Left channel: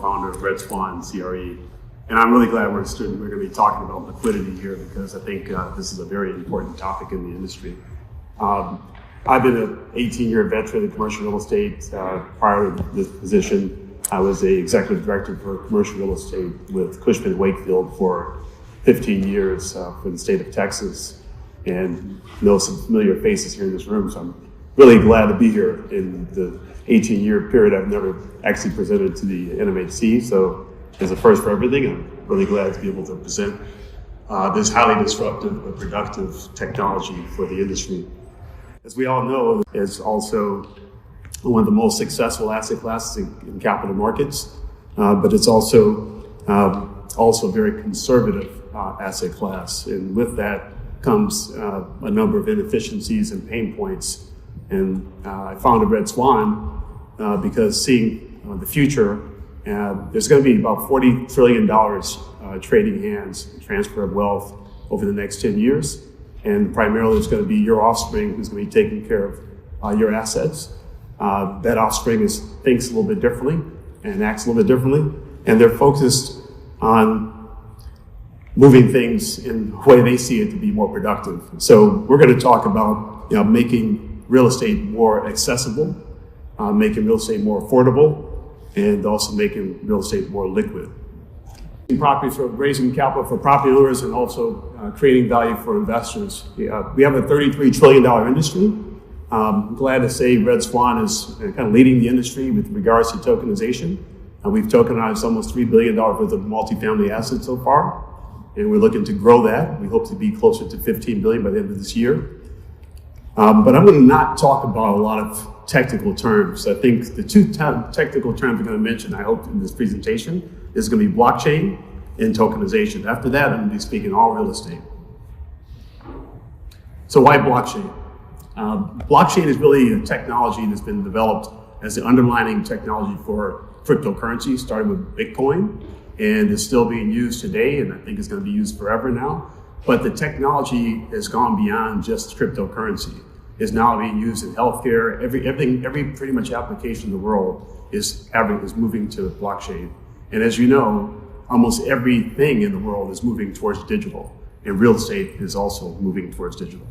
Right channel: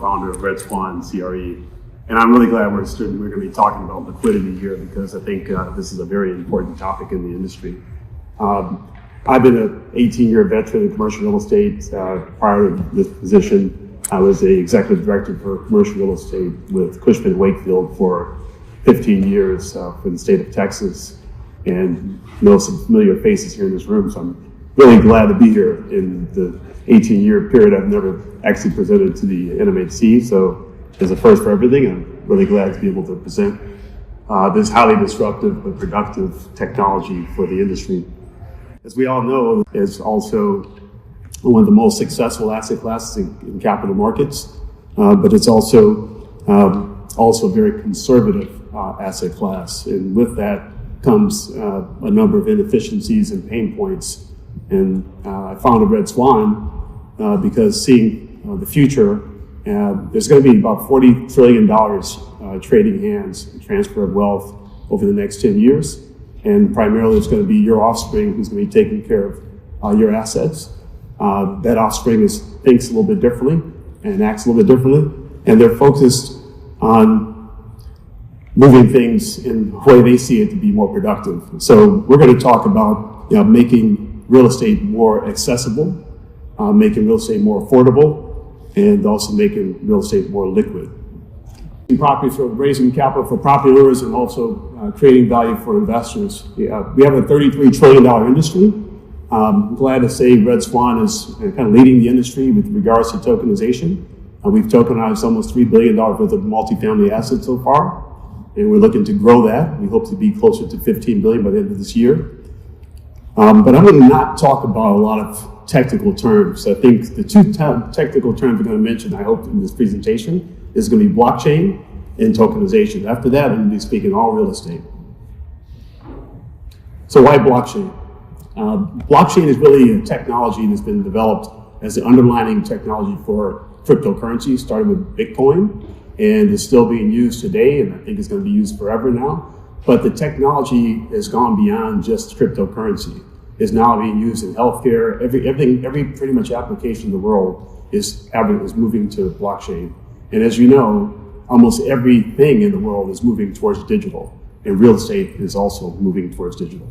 founder of RedSwan CRE. And I'm really glad we're going to be talking about liquidity here because I think this is a very important topic in the industry. I've been an 18-year veteran in commercial real estate. Prior to this position, I was the executive director for commercial real estate with Cushman & Wakefield for 15 years for the state of Texas, and know some familiar faces here in this room. So I'm really glad to be here. In the 18-year period, I've never actually presented to the NMHC, so it's a first for everything. I'm really glad to be able to present this highly disruptive but productive technology for the industry. As we all know, it's also one of the most successful asset classes in capital markets, but it's also a very conservative asset class. And with that comes a number of inefficiencies and pain points. And I founded RedSwan because seeing the future, there's going to be about $40 trillion trading hands and transfer of wealth over the next 10 years. And primarily it's going to be your offspring who's going to be taking care of your assets. That offspring thinks a little bit differently and acts a little bit differently. And they're focused on moving things in the way they see it to be more productive. So we're going to talk about making real estate more accessible, making real estate more affordable, and also making real estate more liquid. Property for raising capital for property owners and also creating value for investors. We have a $33 trillion industry. I'm glad to say RedSwan is kind of leading the industry with regards to tokenization. We've tokenized almost $3 billion worth of multifamily assets so far, and we're looking to grow that. We hope to be closer to $15 billion by the end of this year. But I'm going to not talk about a lot of technical terms. I think the two technical terms I'm going to mention, I hope, in this presentation is going to be blockchain and tokenization. After that, I'm going to be speaking all real estate. So why blockchain? Blockchain is really a technology that's been developed as the underlying technology for cryptocurrency, started with Bitcoin, and is still being used today, and I think it's going to be used forever now. But the technology has gone beyond just cryptocurrency. It's now being used in healthcare. Every pretty much application in the world is moving to blockchain. And as you know, almost everything in the world is moving towards digital, and real estate is also moving towards digital.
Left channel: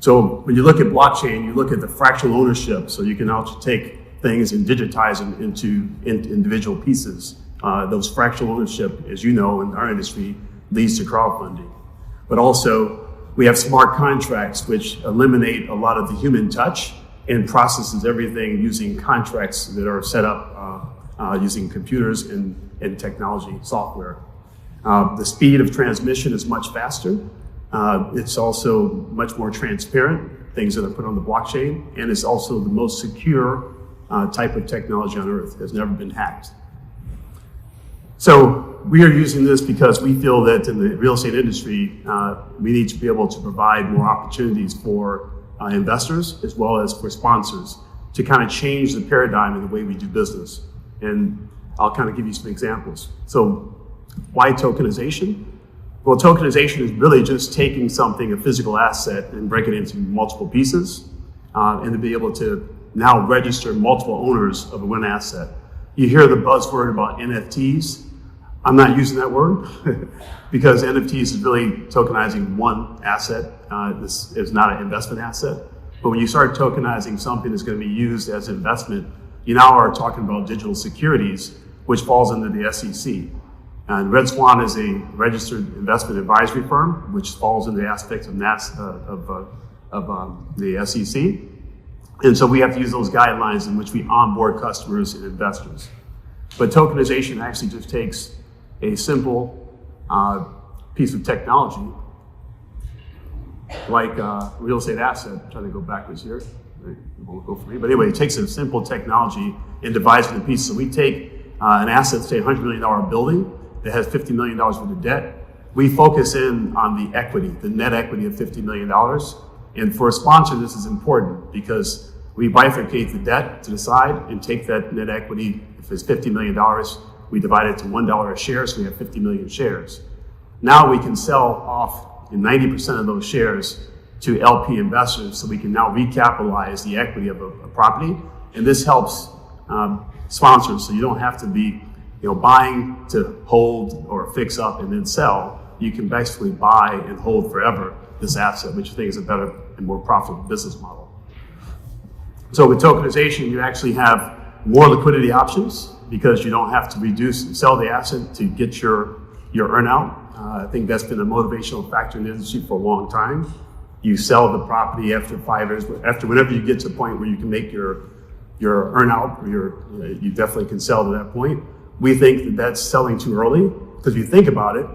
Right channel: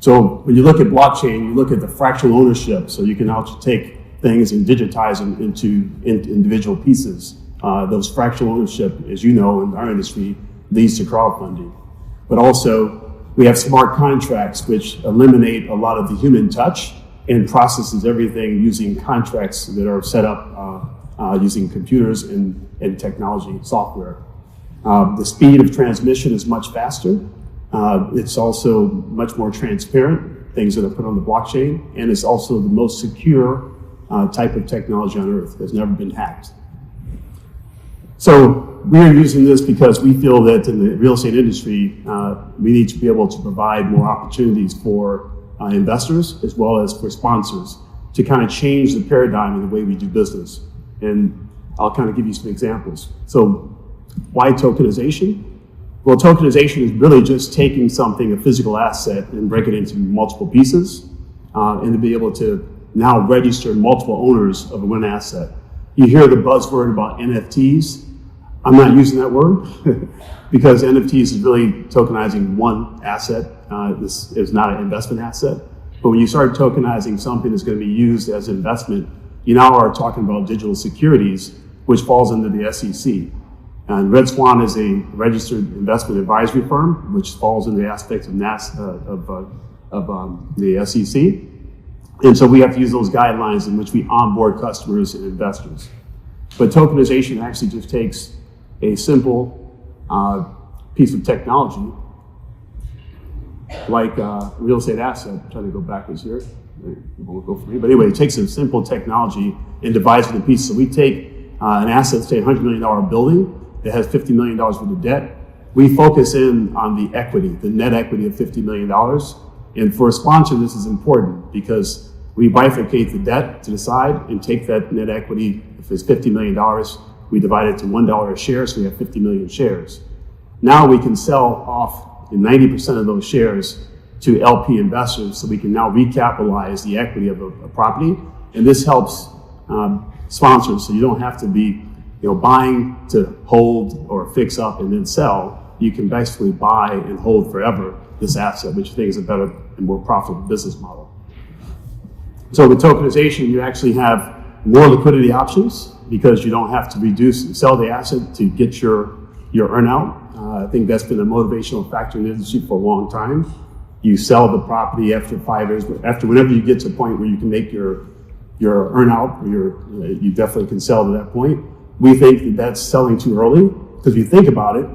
So when you look at blockchain, you look at the fractional ownership, so you can now take things and digitize them into individual pieces. Those fractional ownership, as you know, in our industry, leads to crowdfunding. But also, we have smart contracts, which eliminate a lot of the human touch and processes everything using contracts that are set up using computers and technology software. The speed of transmission is much faster. It's also much more transparent, things that are put on the blockchain, and it's also the most secure type of technology on earth. It has never been hacked. So we are using this because we feel that in the real estate industry, we need to be able to provide more opportunities for investors as well as for sponsors to kind of change the paradigm in the way we do business. And I'll kind of give you some examples. So why tokenization? Well, tokenization is really just taking something, a physical asset, and break it into multiple pieces, and to be able to now register multiple owners of one asset. You hear the buzzword about NFTs. I'm not using that word because NFTs is really tokenizing one asset. This is not an investment asset. But when you start tokenizing something that's going to be used as investment, you now are talking about digital securities, which falls under the SEC. And RedSwan is a registered investment advisory firm, which falls in the aspects of the SEC. And so we have to use those guidelines in which we onboard customers and investors. But tokenization actually just takes a simple piece of technology, like a real estate asset. I'm trying to go backwards here. It won't go for me. But anyway, it takes a simple technology and divides it into pieces. So we take an asset, say a $100 million building that has $50 million worth of debt. We focus in on the equity, the net equity of $50 million. And for a sponsor, this is important because we bifurcate the debt to the side and take that net equity. If it's $50 million, we divide it to $1 a share, so we have 50 million shares. Now we can sell off 90% of those shares to LP investors, so we can now recapitalize the equity of a property. And this helps sponsors, so you don't have to be buying to hold or fix up and then sell, you can basically buy and hold forever this asset, which I think is a better and more profitable business model. So with tokenization, you actually have more liquidity options because you don't have to reduce and sell the asset to get your earnout. I think that's been a motivational factor in the industry for a long time. You sell the property after 5 years, after whenever you get to a point where you can make your earnout, or you definitely can sell to that point. We think that that's selling too early, because if you think about it,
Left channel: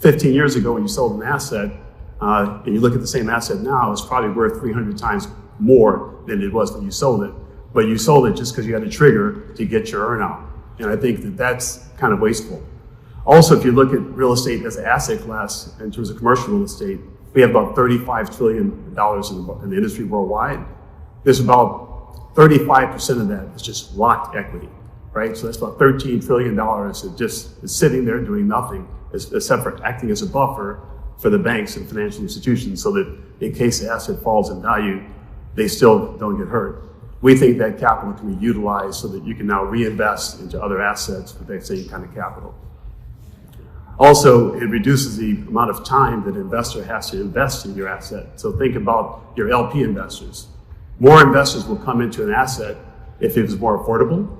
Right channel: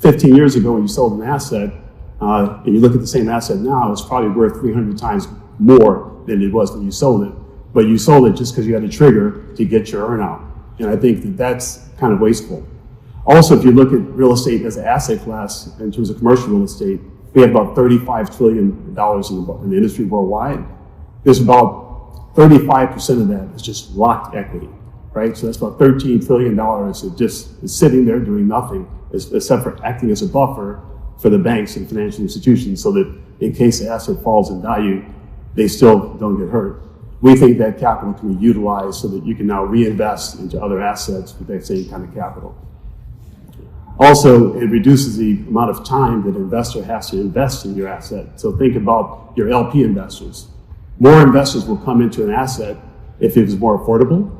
15 years ago when you sold an asset, and you look at the same asset now, it's probably worth 300 times more than it was when you sold it. But you sold it just because you had a trigger to get your earnout. And I think that that's kind of wasteful. Also, if you look at real estate as an asset class in terms of commercial real estate, we have about $35 trillion in the industry worldwide. There's about 35% of that is just locked equity, right? So that's about $13 trillion that just is sitting there doing nothing, except for acting as a buffer for the banks and financial institutions, so that in case the asset falls in value, they still don't get hurt. We think that capital can be utilized so that you can now reinvest into other assets with that same kind of capital. Also, it reduces the amount of time that an investor has to invest in your asset. So think about your LP investors. More investors will come into an asset if it is more affordable.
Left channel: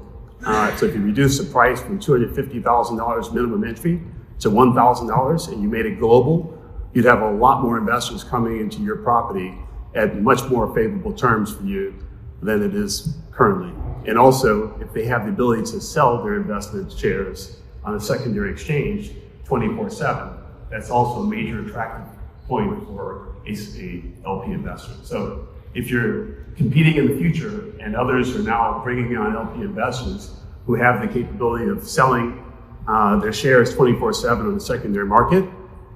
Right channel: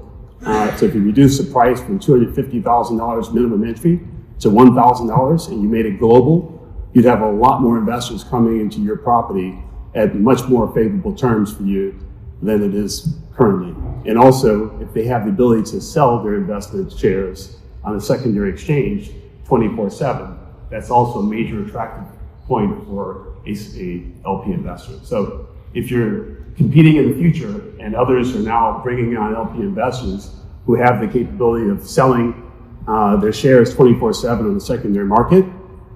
So if you reduce the price from $250,000 minimum entry to $1,000 and you made it global, you'd have a lot more investors coming into your property at much more favorable terms for you than it is currently. And also, if they have the ability to sell their investment shares on a secondary exchange 24/7, that's also a major attractive point for a LP investor. So if you're competing in the future and others are now bringing on LP investors who have the capability of selling their shares 24/7 on the secondary market,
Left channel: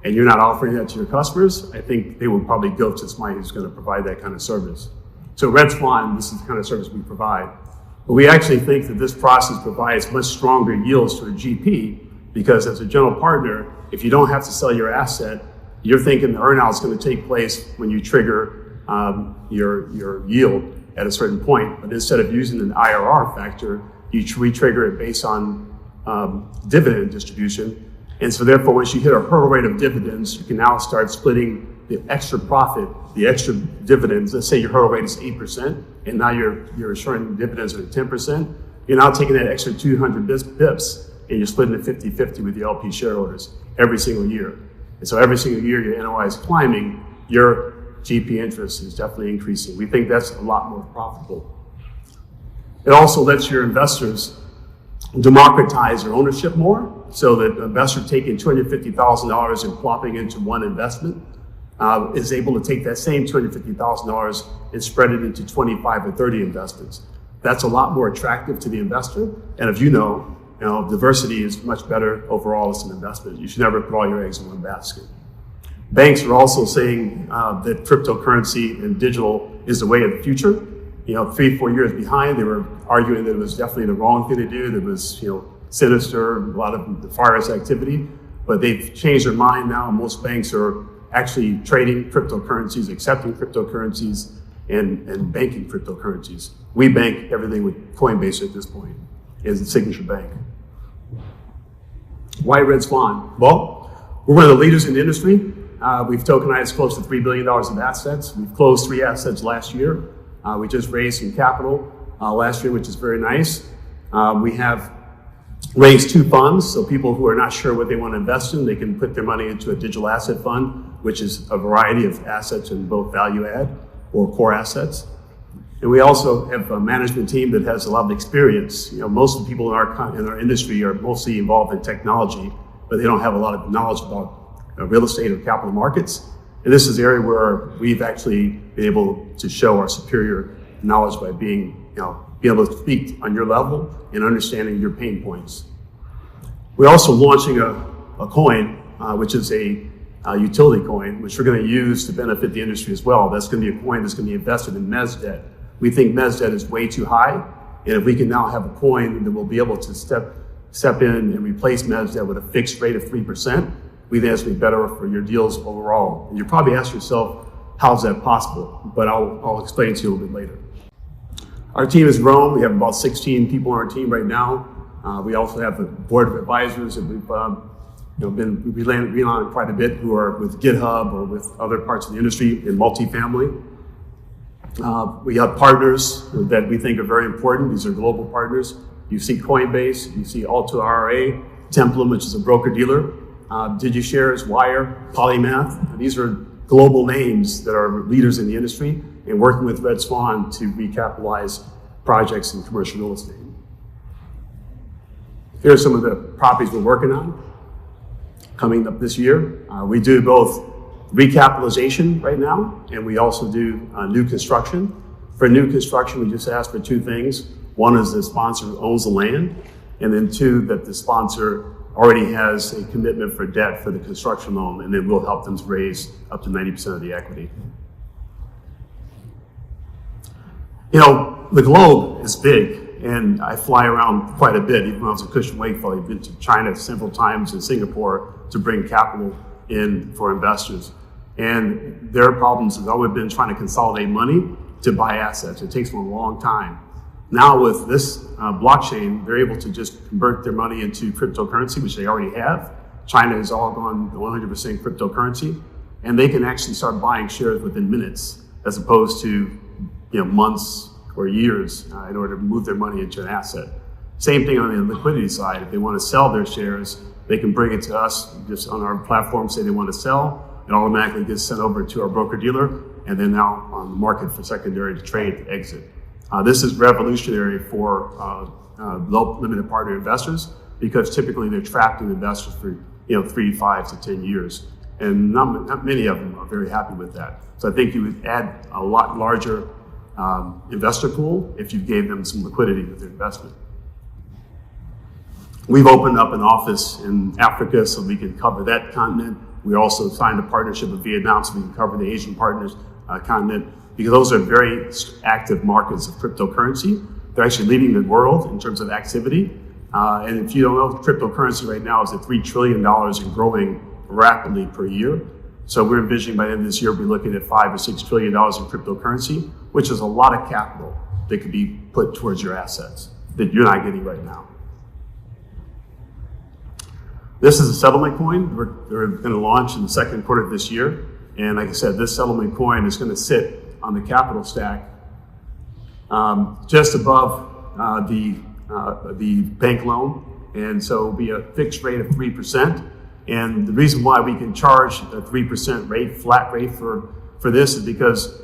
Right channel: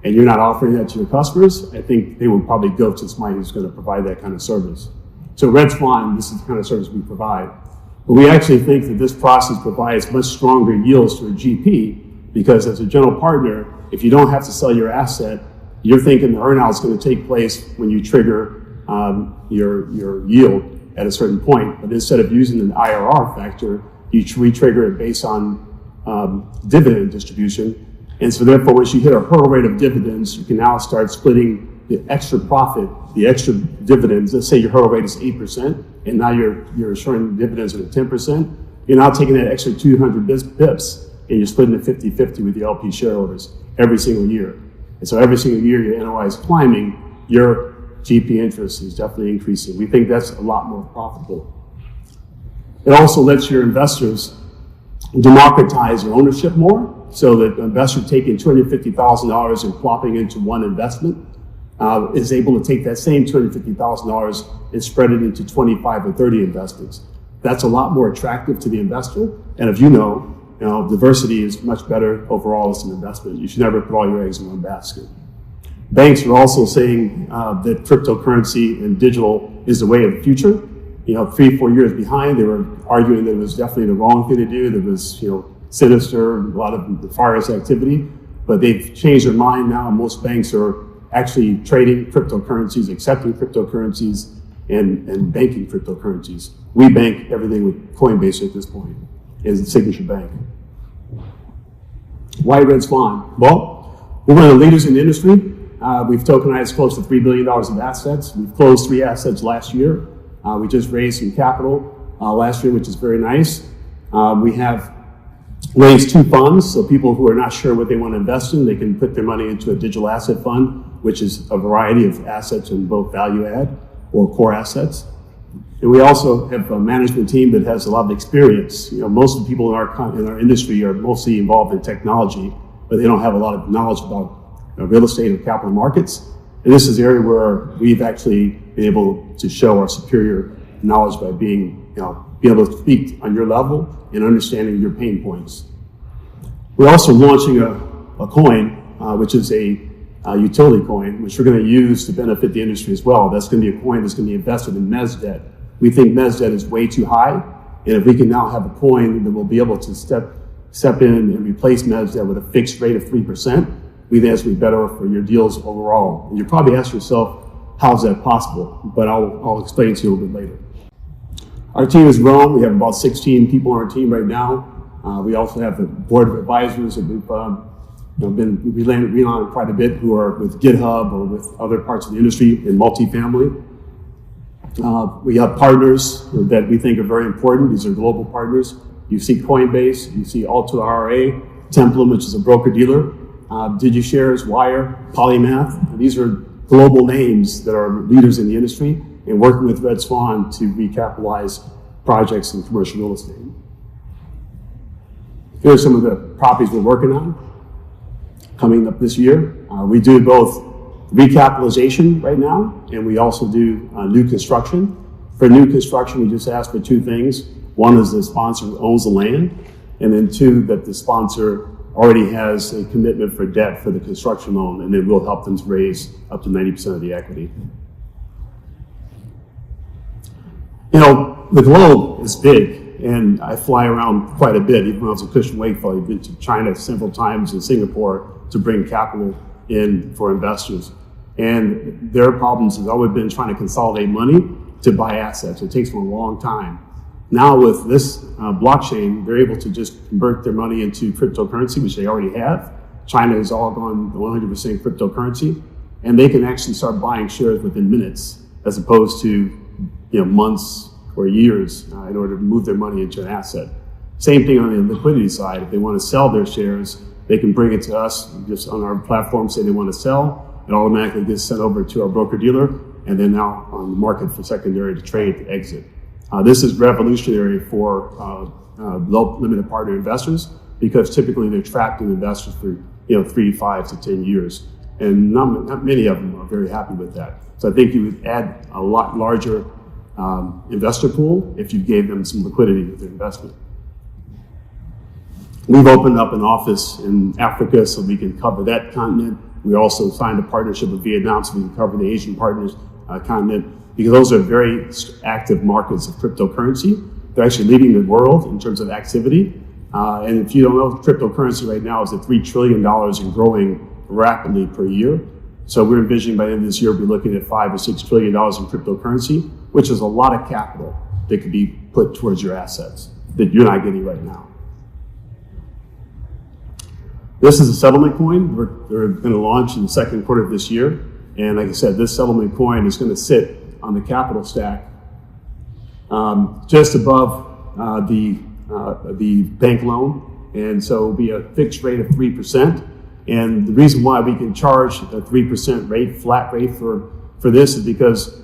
and you're not offering that to your customers, I think they will probably go to somebody who's going to provide that kind of service. So RedSwan, this is the kind of service we provide. But we actually think that this process provides much stronger yields to a GP, because as a general partner, if you don't have to sell your asset, you're thinking the earnout is going to take place when you trigger your yield at a certain point. But instead of using an IRR factor, we trigger it based on dividend distribution. And so therefore, once you hit a hurdle rate of dividends, you can now start splitting the extra profit, the extra dividends. Let's say your hurdle rate is 8%, and now you're assuring dividends at 10%. You're now taking that extra 200 bips, and you're splitting it 50-50 with the LP shareholders every single year. And so every single year your NOI is climbing, your GP interest is definitely increasing. We think that's a lot more profitable. It also lets your investors democratize their ownership more, so that an investor taking $250,000 and plopping into one investment is able to take that same $250,000 and spread it into 25 or 30 investments. That's a lot more attractive to the investor. And if you know, diversity is much better overall as an investment. You should never put all your eggs in one basket. Banks are also saying that cryptocurrency and digital is the way of the future. 3-4 years behind, they were arguing that it was definitely the wrong thing to do. There was, sinister, a lot of nefarious activity, but they've changed their mind now. Most banks are actually trading cryptocurrencies, accepting cryptocurrencies, and banking cryptocurrencies. We bank everything with Coinbase at this point, as a signature bank. Why RedSwan? Well, we're one of the leaders in the industry. We've tokenized close to $3 billion of assets. We've closed 3 assets last year. We just raised some capital last year, which is very nice. We have raised 2 funds, so people who are not sure what they want to invest in, they can put their money into a digital asset fund, which is a variety of assets in both value add or core assets. And we also have a management team that has a lot of experience. Most of the people in our industry are mostly involved in technology, but they don't have a lot of knowledge about real estate or capital markets. And this is the area where we've actually been able to show our superior knowledge by being able to speak on your level and understanding your pain points. We're also launching a coin, which is a utility coin, which we're going to use to benefit the industry as well. That's going to be a coin that's going to be invested in mezz debt. We think mezz debt is way too high, and if we can now have a coin that will be able to step in and replace mezz debt with a fixed rate of 3%, we think that's going to be better for your deals overall. And you probably ask yourself, how is that possible? But I'll explain to you a little bit later. Our team has grown. We have about 16 people on our team right now. We also have the board of advisors that we've been relying on quite a bit, who are with GitHub or with other parts of the industry in multifamily. We have partners that we think are very important. These are global partners. You see Coinbase, you see Alto RA, Templum, which is a broker-dealer, DigiShares, Wire, Polymath. These are global names that are leaders in the industry and working with RedSwan to recapitalize projects in commercial real estate. Here are some of the properties we're working on coming up this year. We do both recapitalization right now, and we also do new construction. For new construction, we just ask for two things. One is the sponsor owns the land, and then two, that the sponsor already has a commitment for debt for the construction loan, and then we'll help them to raise up to 90% of the equity. You know, the globe is big, and I fly around quite a bit. Even when I was a Cushman Wakefield, I've been to China several times and Singapore to bring capital in for investors. And their problems has always been trying to consolidate money to buy assets. It takes them a long time. Now with this blockchain, they're able to just convert their money into cryptocurrency, which they already have. China has all gone 100% cryptocurrency, and they can actually start buying shares within minutes, as opposed to months or years in order to move their money into an asset. Same thing on the liquidity side. If they want to sell their shares, they can bring it to us just on our platform, say they want to sell. It automatically gets sent over to our broker-dealer, and then now on the market for secondary to trade to exit. This is revolutionary for low limited partner investors, because typically they're trapped in investors for 3, 5 to 10 years, and not many of them are very happy with that. So I think you would add a lot larger investor pool if you gave them some liquidity with their investment. We've opened up an office in Africa so we can cover that continent. We also signed a partnership with Vietnam so we can cover the Asian partners continent, because those are very active markets of cryptocurrency. They're actually leading the world in terms of activity. And if you don't know, cryptocurrency right now is at $3 trillion and growing rapidly per year. So we're envisioning by the end of this year, we're looking at $5 or $6 trillion in cryptocurrency, which is a lot of capital that could be put towards your assets that you're not getting right now. This is a settlement coin. We're going to launch in the second quarter of this year. And like I said, this settlement coin is going to sit on the capital stack just above the bank loan. And so it'll be a fixed rate of 3%. And the reason why we can charge a 3% rate, flat rate for this, is because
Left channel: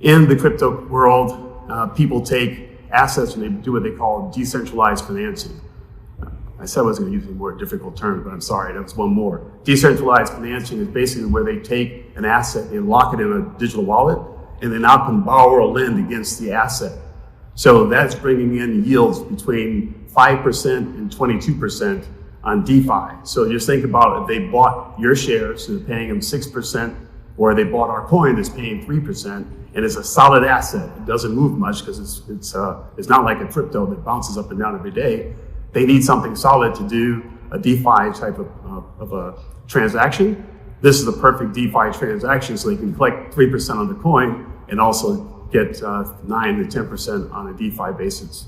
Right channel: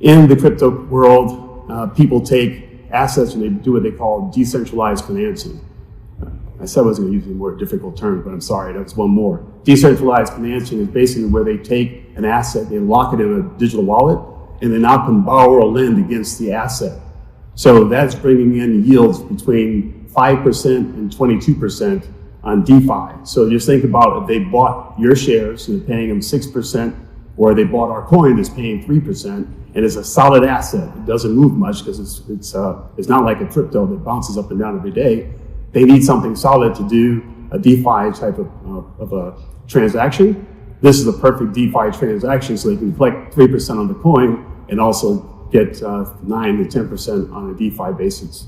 in the crypto world, people take assets and they do what they call decentralized financing. I said I wasn't going to use a more difficult term, but I'm sorry, that's one more. Decentralized financing is basically where they take an asset, they lock it in a digital wallet, and they now can borrow or lend against the asset. So that's bringing in yields between 5% and 22% on DeFi. So just think about if they bought your shares and they're paying them 6%, or they bought our coin that's paying 3%, and it's a solid asset. It doesn't move much because it's not like a crypto that bounces up and down every day. They need something solid to do a DeFi type of a transaction. This is the perfect DeFi transaction, so they can collect 3% on the coin and also get 9 to 10% on a DeFi basis.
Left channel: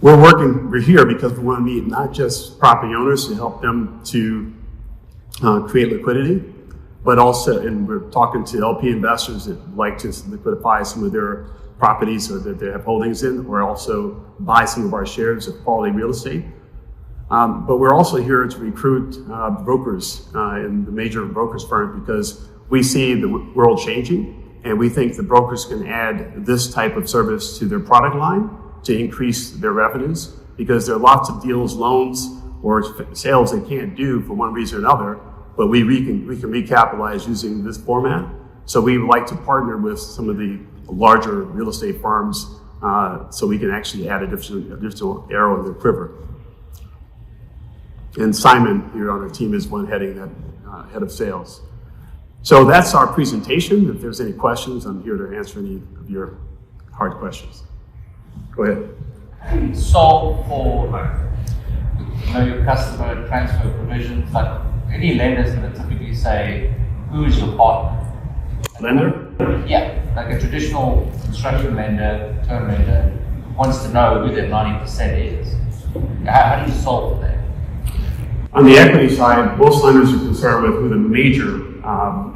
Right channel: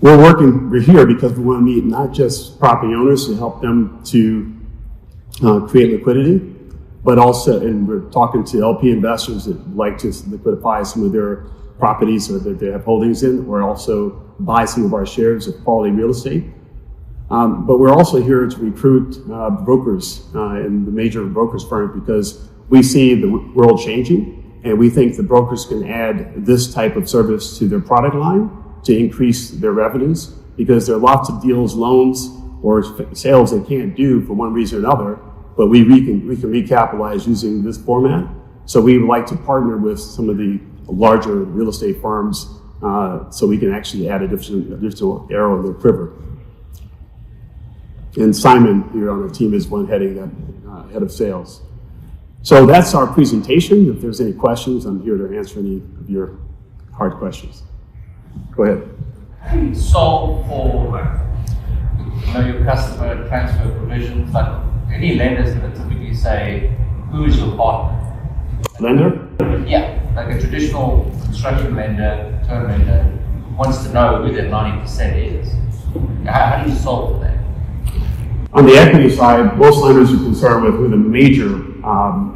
We're here because we want to meet not just property owners to help them to create liquidity, but also, and we're talking to LP investors that like to liquidify some of their properties or that they have holdings in, or also buy some of our shares of quality real estate. But we're also here to recruit brokers and the major brokers firms, because we see the world changing, and we think the brokers can add this type of service to their product line to increase their revenues, because there are lots of deals, loans, or sales they can't do for one reason or another, but we can recapitalize using this format. So we would like to partner with some of the larger real estate firms so we can actually add additional arrow in their quiver. And Simon here on our team is one heading that head of sales. So that's our presentation. If there's any questions, I'm here to answer any of your hard questions. Go ahead. How do you solve for your customer transfer provisions? Like any lenders that typically say, who is your partner? Lender? Yeah, like a traditional construction lender, term lender. wants to know who that 90% is. How do you solve for that? On the equity side, most lenders are concerned with who the major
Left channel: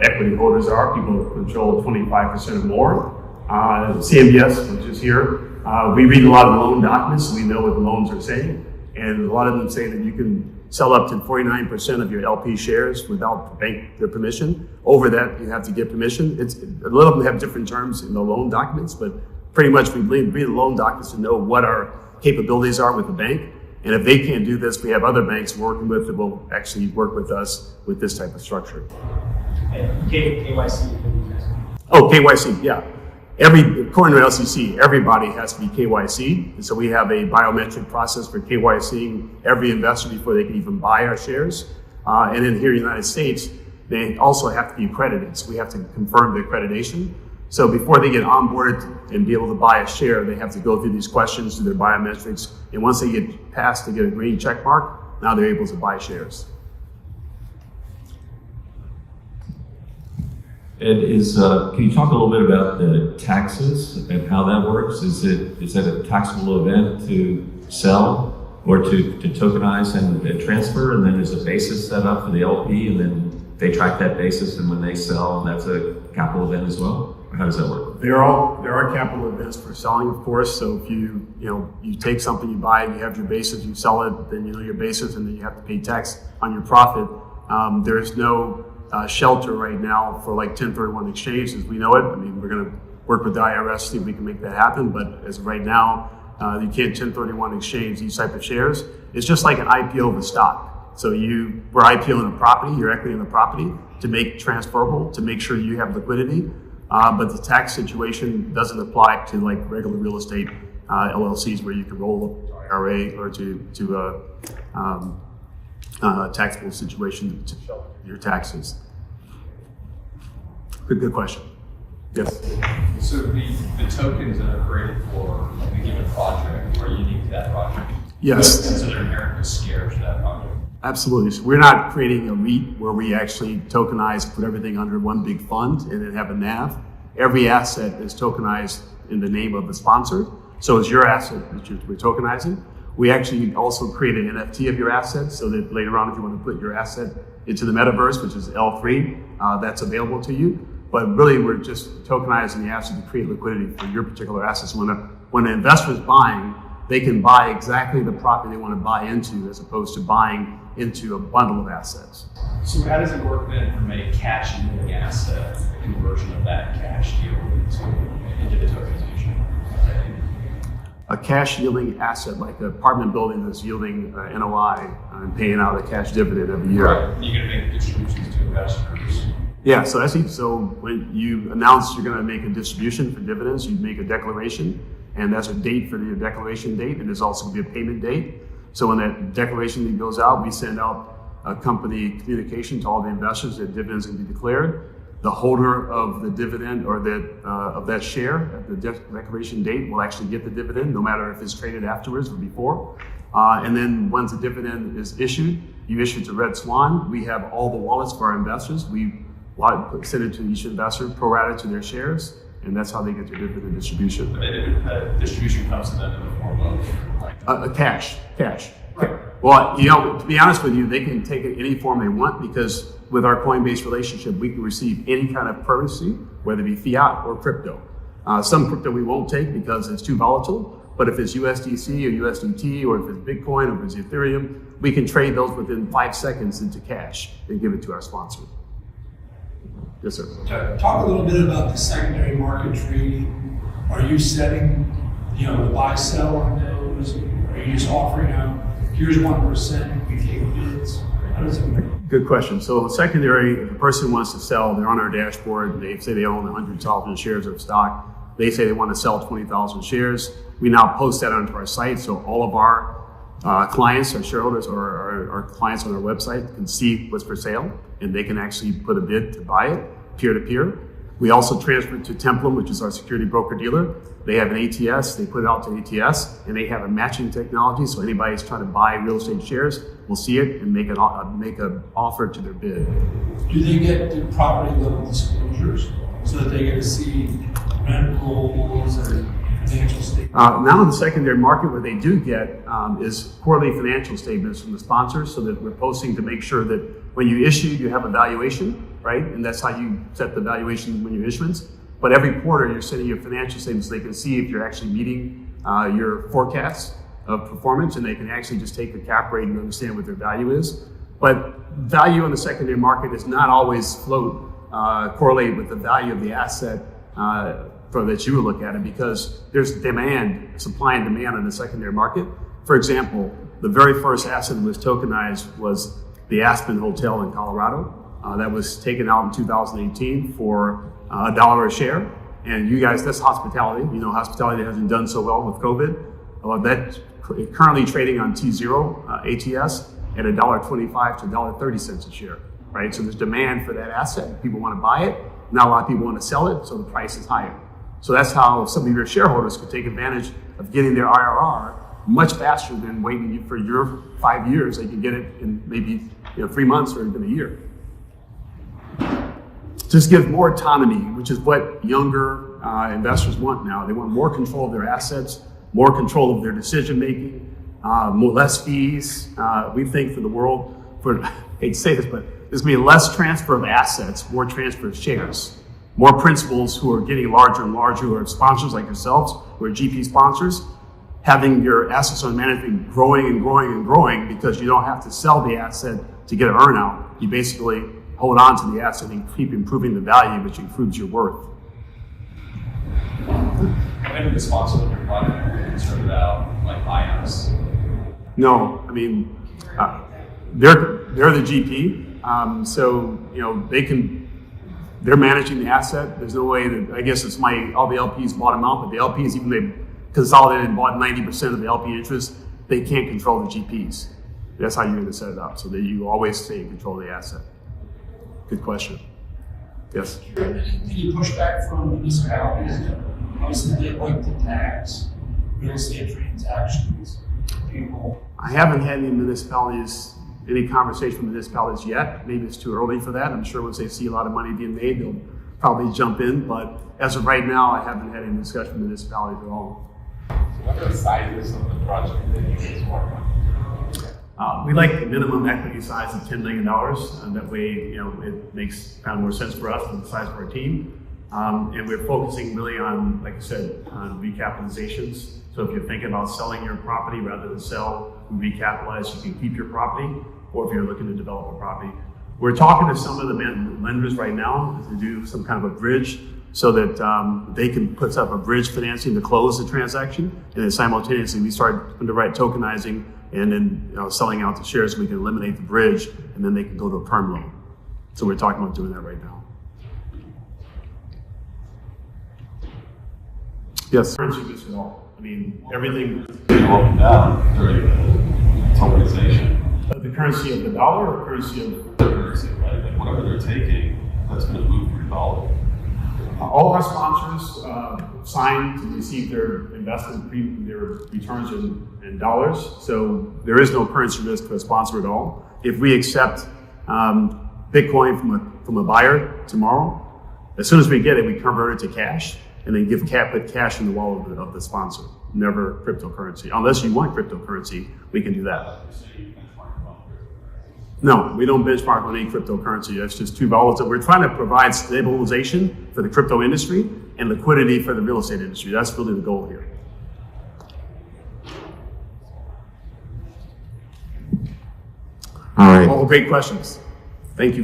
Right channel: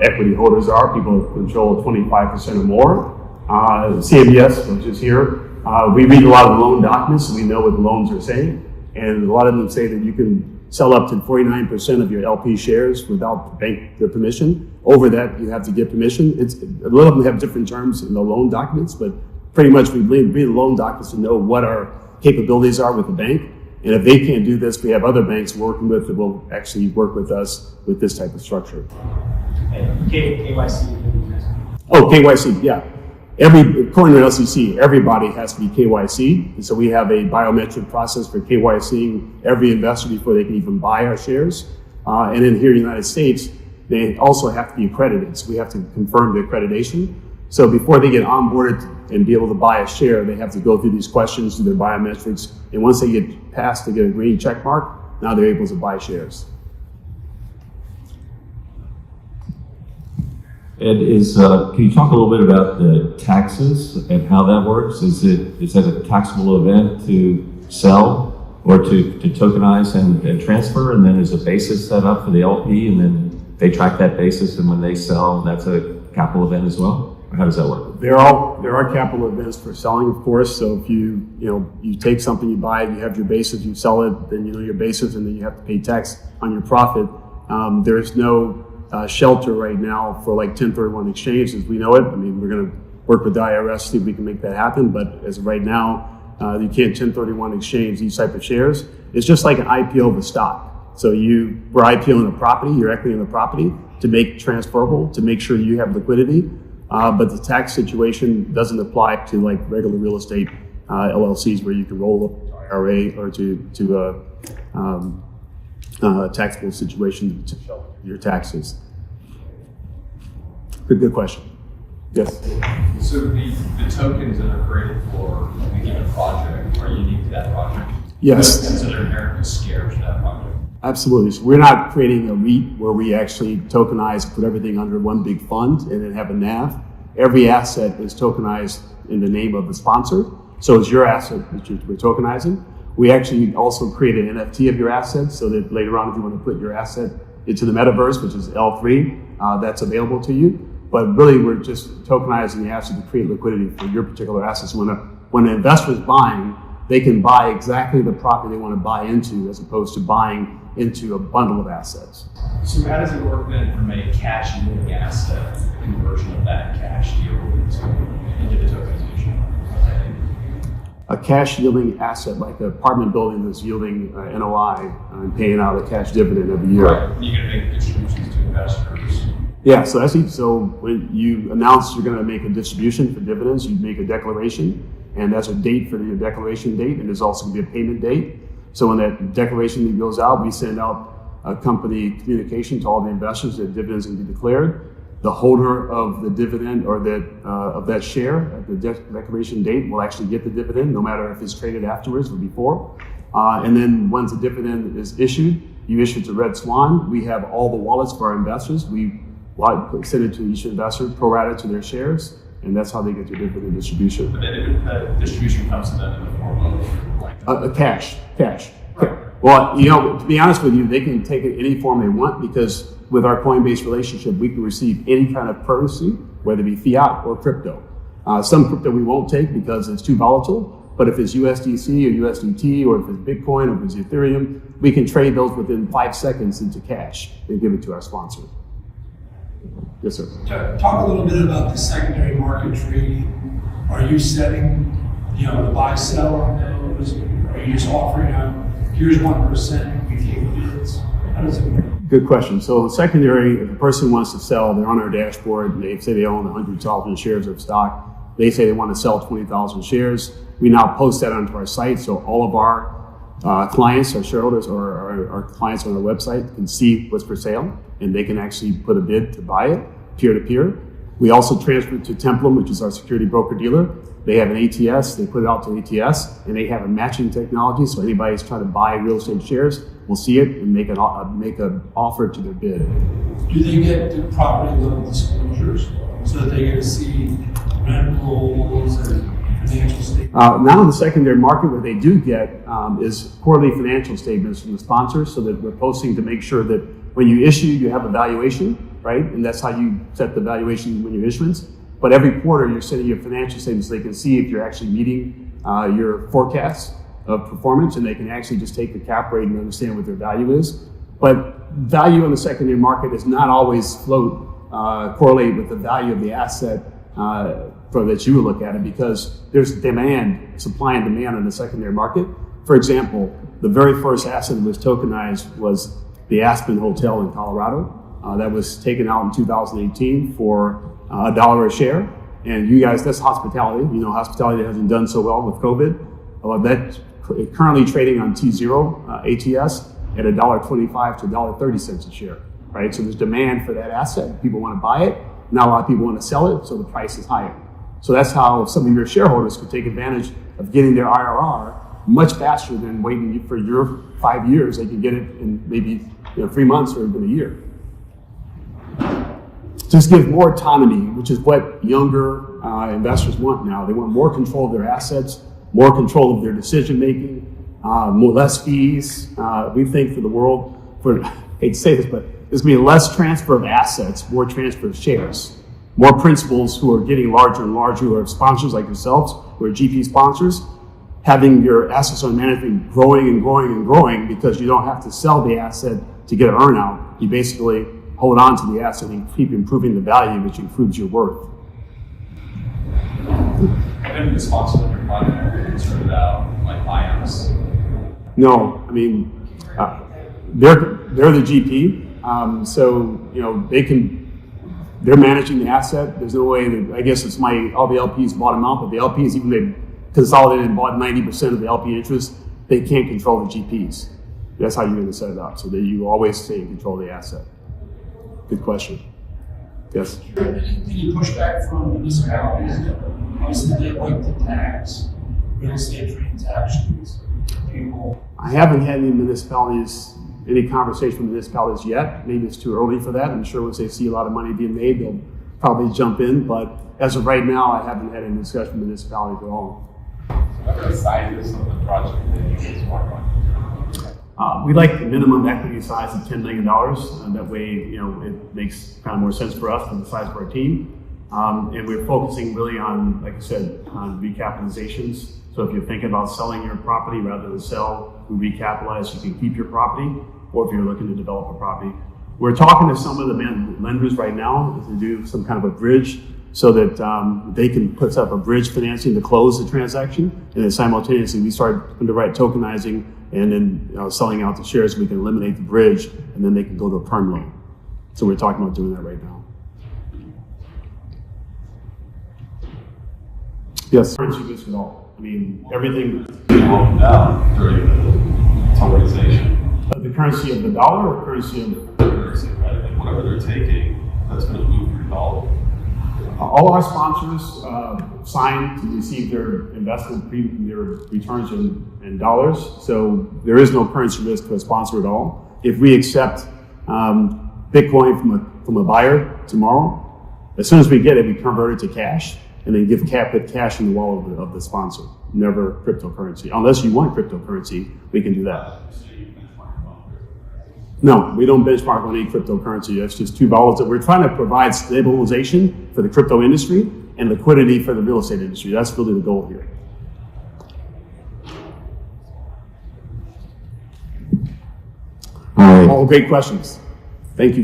equity holders are, people that control 25% or more. CMBS, which is here, we read a lot of loan documents, so we know what the loans are saying. And a lot of them say that you can sell up to 49% of your LP shares without their permission. Over that, you have to get permission. A lot of them have different terms in the loan documents, but pretty much we read the loan documents to know what our capabilities are with the bank. And if they can't do this, we have other banks working with that will actually work with us with this type of structure. And KYC. Oh, KYC, yeah. According to LCC, everybody has to be KYC. And so we have a biometric process for KYCing every investor before they can even buy our shares. And then here in the United States, they also have to be accredited. So we have to confirm the accreditation. So before they get onboarded and be able to buy a share, they have to go through these questions, do their biometrics. And once they get passed, they get a green check mark. Now they're able to buy shares. And can you talk a little bit about the taxes and how that works? Is that a taxable event to sell or to tokenize and transfer, and then there's a basis set up for the LP, and then they track that basis, and when they sell, that's a capital event as well? Or how does that work? There are capital events for selling, of course. So if you take something, you buy it, you have your basis, you sell it, then you know your basis, and then you have to pay tax on your profit. There is no shelter right now for like 1031 exchange as we know it. I mean, we're going to work with the IRS, see if we can make that happen. But as of right now, you can't 1031 exchange these type of shares. It's just like an IPO of a stock. So we're IPOing a property, you're equity in the property to make transferable, to make sure you have liquidity. But the tax situation doesn't apply to like regular real estate LLCs where you can roll up to IRA or to a taxable situation to shelter your taxes. Good question. Yes. So the tokens that are created for a given project are unique to that project? Yes. So they're inherently scarce to that project? Absolutely. So we're not creating a REIT where we actually tokenize, put everything under one big fund and then have a NAV. Every asset is tokenized in the name of the sponsor. So it's your asset that we're tokenizing. We actually also create an NFT of your asset so that later on if you want to put your asset into the metaverse, which is L3, that's available to you. But really we're just tokenizing the asset to create liquidity for your particular assets. When an investor is buying, they can buy exactly the property they want to buy into as opposed to buying into a bundle of assets. So how does it work then from a cash yielding asset conversion of that cash yield into the tokenization? A cash yielding asset like an apartment building that's yielding NOI and paying out a cash dividend every year. Right. You're going to make distributions to investors. Yeah, so when you announce you're going to make a distribution for dividends, you make a declaration, and that's a date for your declaration date, and there's also going to be a payment date. So when that declaration date goes out, we send out a company communication to all the investors that dividends will be declared. The holder of the dividend or of that share at the declaration date will actually get the dividend, no matter if it's traded afterwards or before. And then once the dividend is issued, you issue to RedSwan. We have all the wallets for our investors. We send it to each investor, pro rata to their shares, and that's how they get their dividend distribution. But then the distribution comes to them in the form of like cash. Right. Well, to be honest with you, they can take it any form they want because with our Coinbase relationship, we can receive any kind of currency, whether it be fiat or crypto. Some crypto we won't take because it's too volatile, but if it's USDC or USDT or if it's Bitcoin or if it's Ethereum, we can trade those within 5 seconds into cash and give it to our sponsor. Yes, sir. Talk a little bit about the secondary market trading. Are you setting, the buy sell on those? Are you just offering out, here's 1%, we take bids? How does it work? Good question. So secondary, if a person wants to sell, they're on our dashboard, they say they own 100,000 shares of stock. They say they want to sell 20,000 shares. We now post that onto our site, so all of our clients, our shareholders, or our clients on our website can see what's for sale, and they can actually put a bid to buy it, peer-to-peer. We also transfer it to Templum, which is our security broker-dealer. They have an ATS, they put it out to ATS, and they have a matching technology, so anybody who's trying to buy real estate shares will see it and make an offer to their bid. Do they get the property level disclosures so that they get to see rent rolls and financial statement? Now in the secondary market, what they do get is quarterly financial statements from the sponsors, so that we're posting to make sure that when you issue, you have a valuation, right? And that's how you set the valuation when you issuance. But every quarter, you're sending your financial statements so they can see if you're actually meeting your forecasts of performance, and they can actually just take the cap rate and understand what their value is. But value in the secondary market is not always correlate with the value of the asset that you would look at it, because there's demand, supply and demand in the secondary market. For example, the very first asset that was tokenized was the Aspen Hotel in Colorado. That was taken out in 2018 for $1 a share. And you guys, that's hospitality. You know, hospitality hasn't done so well with COVID. That's currently trading on T0 ATS at $1.25 to $1.30 a share, right? So there's demand for that asset. People want to buy it. Not a lot of people want to sell it, so the price is higher. So that's how some of your shareholders could take advantage of getting their IRR much faster than waiting for your 5 years. They can get it in maybe 3 months or even a year. Just give more autonomy, which is what younger investors want now. They want more control of their assets, more control of their decision making, less fees. We think for the world, I hate to say this, but there's going to be less transfer of assets, more transfer of shares. More principals who are getting larger and larger, who are sponsors like yourselves, who are GP sponsors, having your assets under management growing and growing and growing, because you don't have to sell the asset to get an earnout. You basically hold on to the asset and keep improving the value, which improves your worth. Have any of the sponsors in your project been concerned about like buyouts? No, I mean, they're the GP, so they're managing the asset. There's no way that, I guess it's all the LPs bought them out, but the LPs, even they consolidated and bought 90% of the LP interest, they can't control the GPs. That's how you're going to set it up, so that you always stay in control of the asset. Good question. Yes? Any pushback from municipalities? Obviously, they like to tax real estate transactions. People. I haven't had any conversation with municipalities yet. Maybe it's too early for that. I'm sure once they see a lot of money being made, they'll probably jump in. But as of right now, I haven't had any discussion with municipalities at all. So what are the sizes of the project that you guys work on? We like the minimum equity size of $10 million, and that way, it makes kind of more sense for us than the size of our team. And we're focusing really on, like I said, on recapitalizations. So if you're thinking about selling your property rather than sell and recapitalize, you can keep your property, or if you're looking to develop a property. We're talking to some of the lenders right now to do some kind of a bridge, so that they can put up a bridge financing to close the transaction, and then simultaneously we start underwrite tokenizing and then selling out the shares, so we can eliminate the bridge, and then they can go to a perm loan. So we're talking about doing that right now. Yes. Currency risk at all. I mean, everything. Broken down during the tokenization. The currency of the dollar or currency of The currency, right? Like whatever they're taking, that's going to move your dollar. all our sponsors sign to receive their investment, their returns in dollars. So there is no currency risk to a sponsor at all. If we accept Bitcoin from a buyer tomorrow, as soon as we get it, we convert it to cash and then put cash in the wallet of the sponsor. Never cryptocurrency. Unless you want cryptocurrency, we can do that. No, we don't benchmark on any cryptocurrency. That's just too volatile. We're trying to provide stabilization for the crypto industry and liquidity for the real estate industry. That's really the goal here. All right. All great questions. Thank you.